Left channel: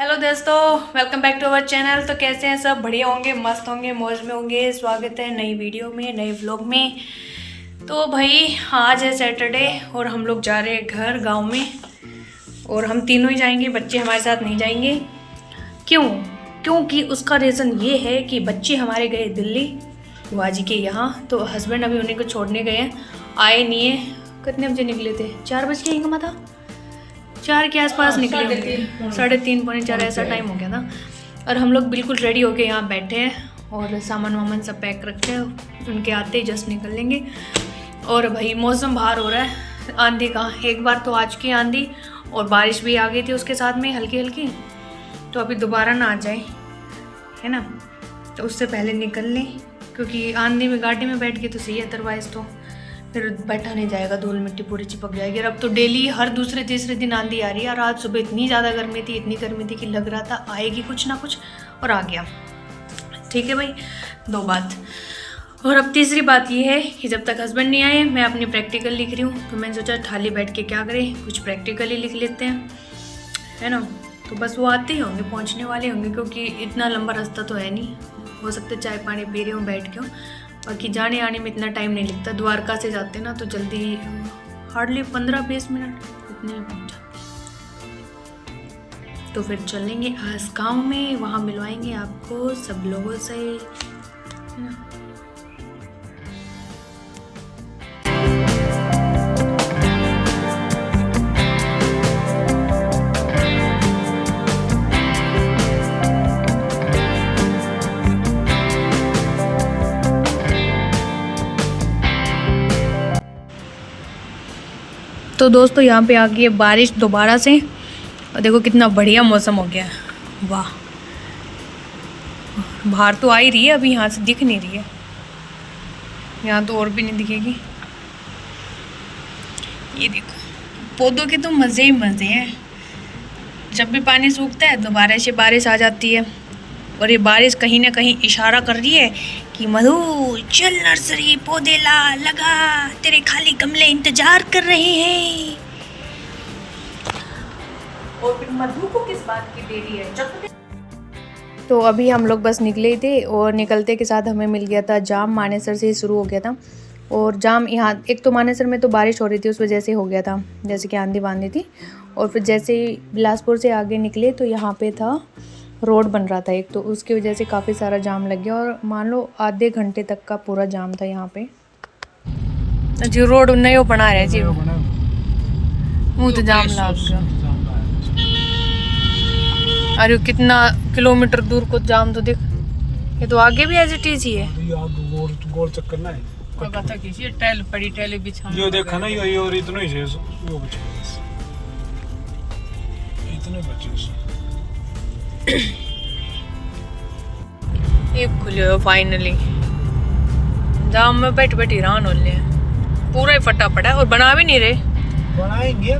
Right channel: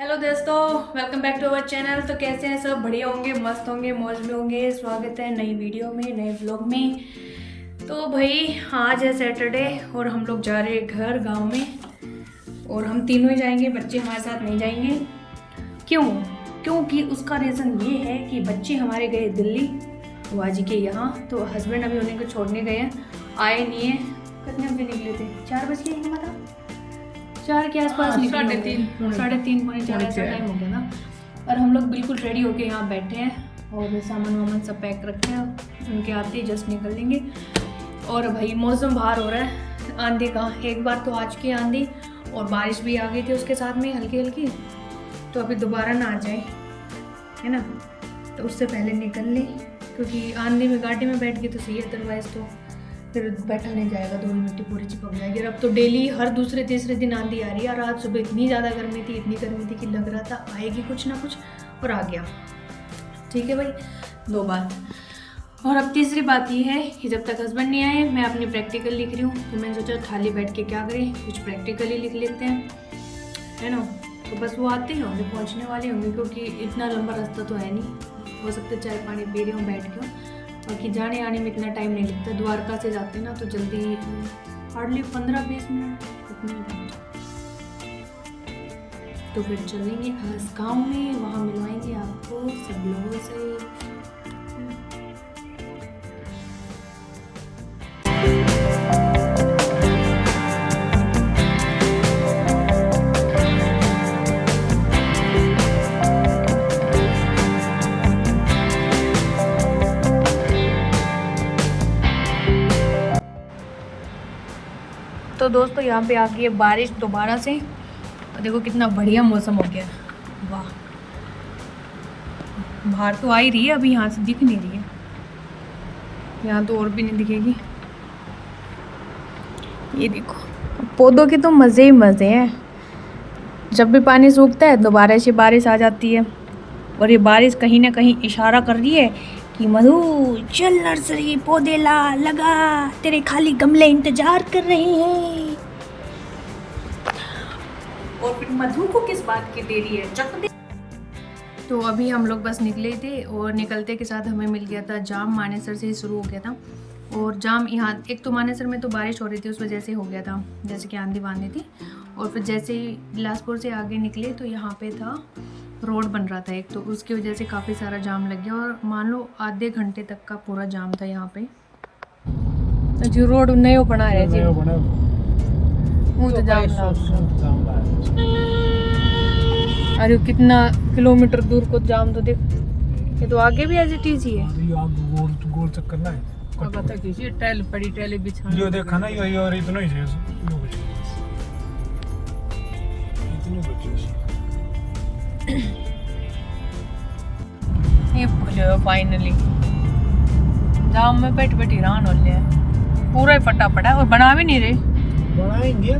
Hello दोस्तों, welcome back to our channel. तो कैसे हैं सब? बढ़िया होंगे, मस्त होंगे, मौज में होंगे। स्वागत है नई वीडियो में, नए व्लॉग में। तो भाई आज है सैटरडे और हम लोग जा रहे हैं घर गांव में। और हम तीनों ही जाएंगे, बच्चे हमारे साथ नहीं जाएंगे। क्यों? क्योंकि उसका रीज़न ये है कि बच्चे हमारे गए दिल्ली बुआ जी के यहाँ। तो हस्बैंड अभी उन्हीं को छोड़ने गए हैं, आए नहीं है। कितने बजे निकले थे? 4 बज के ही था, 4 के आसपास निकले होंगे, 3:30 पौने 4 ऐसा टाइम हो गया था। और हम लोग बिल्कुल रेडी होके यहाँ बैठे हैं और सामान वामान सब पैक रखे हैं। उनके आते ही जस्ट निकल लेंगे। और भाई मौसम बाहर हो रहा है, आंधी का एक बार तो आज की आंधी और बारिश भी आ गई थी उसके साथ में हल्की हल्की। तो अभी दोबारा ना आ जाए, है ना, तो उससे पहले निकल लें, क्योंकि आंधी में गाड़ी में बैठ के तो सही है, अदरवाइज़ तो फिर बैठा नहीं जाएगा, धूल मिट्टी पूरी चिपक जाएगी। और अब तो डेली हर दूसरे तीसरे दिन आंधी आ रही है। और आज सुबह इतनी ज़्यादा गर्मी थी, इतनी गर्मी थी कि लग रहा था आएगी कुछ ना कुछ, और आ गया। ठीक है भाई, 2 बात। और अब तीसरी बात ये है कि जब तक हस्बैंड नहीं आए मैं अपनी प्रैक्टिकल लिख रही हूँ। तो मैंने सोचा थाली बैठ के क्या करें, कुछ प्रैक्टिकल ही लिख लेते हैं, है ना। तो बस वो आते ही होंगे, पहुँचने वाले होंगे, क्योंकि इतना लंबा रास्ता तो है नहीं। हो सकता है चाय पानी पी रहे हो, बैठ के हो। बाकी जाने आने में इतना टाइम नहीं लगता। द्वारका से जाते ना तो जल्दी, हार्डली 15-20 मिनट उतने में पहुँच जाते। तो फिर चलेंगे आज गाँव में, वहाँ मिलवाएंगे आपको सब लोगों से, है ना। तो दोस्तों यहाँ पे आ गई है बारिश दोबारा से, और देखो कितना बढ़िया मौसम हो गया है। वाह, बाहर तो आ ही रही है, अभी यहाँ से दिख नहीं रही है। यहाँ तो और भी नहीं दिखेगी। ये देखो, पौधों के तो मज़े ही मज़े हैं। जब भी पानी सूखता है दोबारा से बारिश आ जाती है। और ये बारिश कहीं ना कहीं इशारा कर रही है कि मधु चल नर्सरी, पौधे ला, लगा, तेरे खाली गमले इंतजार कर रहे हैं। और फिर मधु को किस बात की देरी है, चक दे। तो अभी हम लोग बस निकले थे और निकलते के साथ हमें मिल गया था जाम। मानेसर से ही शुरू हो गया था। और जाम यहाँ, एक तो मानेसर में तो बारिश हो रही थी, उस वजह से हो गया था, जैसे कि आंधी बांधी थी। और फिर जैसे ही बिलासपुर से आगे निकले तो यहाँ पे था, रोड बन रहा था एक, तो उसकी वजह से काफ़ी सारा जाम लग गया। और मान लो आधे घंटे तक का पूरा जाम था यहाँ पे। जी रोड नहीं बना रहे जी, वो तो जाम लग। अरे कितना किलोमीटर दूर को जाम तो दिख। ये तो आगे भी एज इट इज ही है। गोल चक्कर ना है, कगा तक इसी टाइल पड़ी, टाइल बिछा ये देखा ना, ये और इतना ही है, वो बचे इतने बचे। ये खुले हो फाइनली। जाम में बैठ बैठ हैरान हो ले, पूरा ही फटा पड़ा है और बना भी नहीं रहे। बनाएंगे,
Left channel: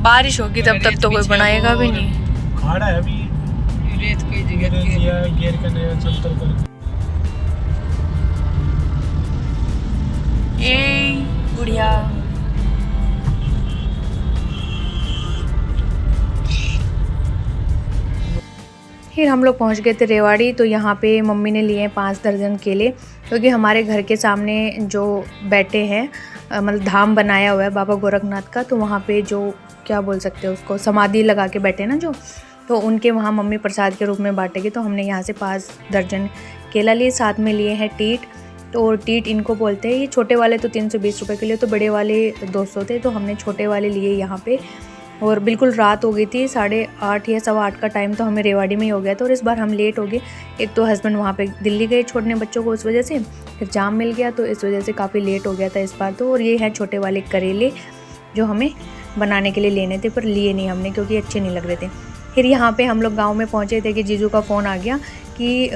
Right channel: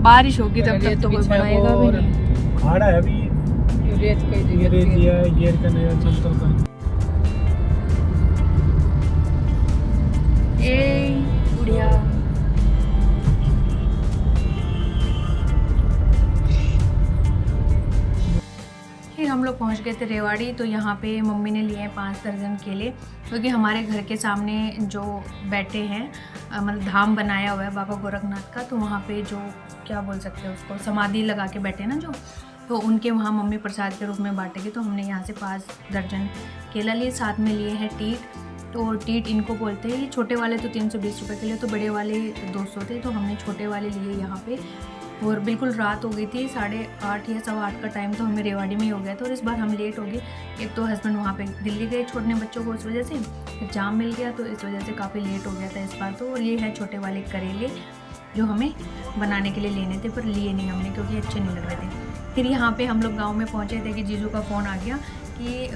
बारिश होगी तब तक तो कोई बनाएगा भी नहीं। खाड़ा है अभी, रेत कई जगह गिर करने समतल कर। ए बुढ़िया, फिर हम लोग पहुंच गए थे रेवाड़ी। तो यहाँ पे मम्मी ने लिए हैं 5 दर्जन केले, क्योंकि हमारे घर के सामने जो बैठे हैं, मतलब धाम बनाया हुआ है बाबा गोरखनाथ का। तो वहाँ पे जो क्या बोल सकते हैं उसको, समाधि लगा के बैठे ना जो, तो उनके वहाँ मम्मी प्रसाद के रूप में बांटेगी। तो हमने यहाँ से 5 दर्जन केला लिए, साथ में लिए हैं टीट। तो टीट इनको बोलते हैं, ये छोटे वाले तो 320 रुपये के लिए, तो बड़े वाले 200 थे। तो हमने छोटे वाले लिए यहाँ पे। और बिल्कुल रात हो गई थी, 8:30 या 8:15 का टाइम तो हमें रेवाड़ी में ही हो गया था। और इस बार हम लेट हो गए, एक तो हस्बैंड वहाँ पे दिल्ली गए छोड़ने बच्चों को, उस वजह से फिर जाम मिल गया, तो इस वजह से काफ़ी लेट हो गया था इस बार तो। और ये हैं छोटे वाले करेले जो हमें बनाने के लिए लेने थे, पर लिए नहीं हमने क्योंकि अच्छे नहीं लग रहे थे। फिर यहाँ पे हम लोग गांव में पहुँचे थे कि जीजू का फ़ोन आ गया कि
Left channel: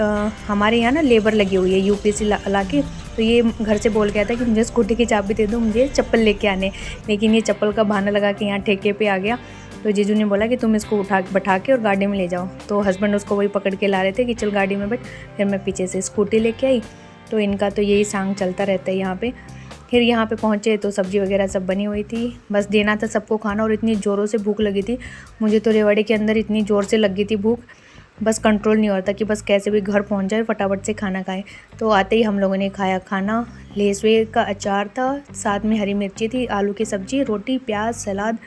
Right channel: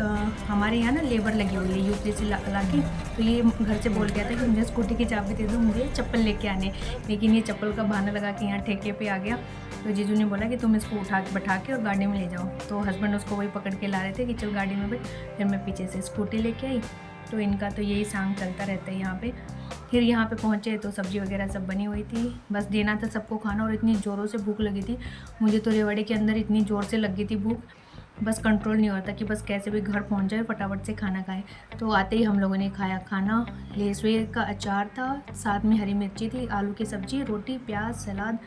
हमारे यहाँ ना लेबर लगी हुई है यूपी से ला के। तो ये घर से बोल गया था कि मुझे स्कूटी की चाबी दे दो, मुझे चप्पल लेके आने। लेकिन ये चप्पल का बहाना लगा के यहाँ ठेके पे आ गया। तो जीजू ने बोला कि तुम इसको बैठा के और गाड़ी में ले जाओ। तो हस्बैंड उसको वही पकड़ के ला रहे थे कि चल गाड़ी में बैठ। फिर मैं पीछे से स्कूटी लेके आई। तो इनका तो यही सांग चलता रहता है यहाँ पे। फिर यहाँ पे पहुँचे तो सब्ज़ी वगैरह सब बनी हुई थी, बस देना था सबको खाना। और इतनी ज़ोरों से भूख लगी थी मुझे तो, रेवाड़ी के अंदर इतनी ज़ोर से लगी थी भूख, बस कंट्रोल नहीं हो रहा था कि बस कैसे भी घर पहुंच जाए, फटाफट से खाना खाएं। तो आते ही हम लोगों ने खाया खाना। लेसवे का अचार था, साथ में हरी मिर्ची थी, आलू की सब्ज़ी, रोटी, प्याज, सलाद,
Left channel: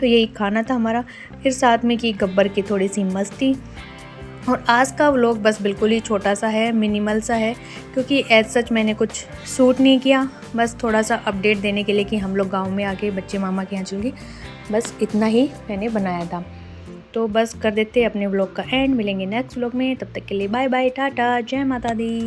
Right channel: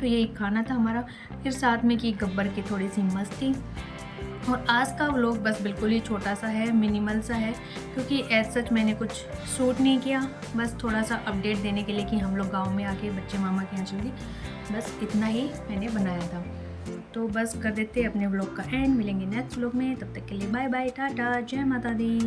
तो यही खाना था हमारा। फिर साथ में की गब्बर की थोड़ी सी मस्ती। और आज का व्लॉग बस बिल्कुल ही छोटा सा है, मिनिमल सा है, क्योंकि एज सच मैंने कुछ शूट नहीं किया, बस थोड़ा सा अपडेट देने के लिए कि हम लोग गाँव में आके बच्चे मामा के यहाँ चल गए, बस इतना ही मैंने बनाया था। तो बस कर देते अपने व्लॉग का एंड। मिलेंगे नेक्स्ट व्लॉग में, तब तक के लिए बाय बाय, टाटा, जय माता दी।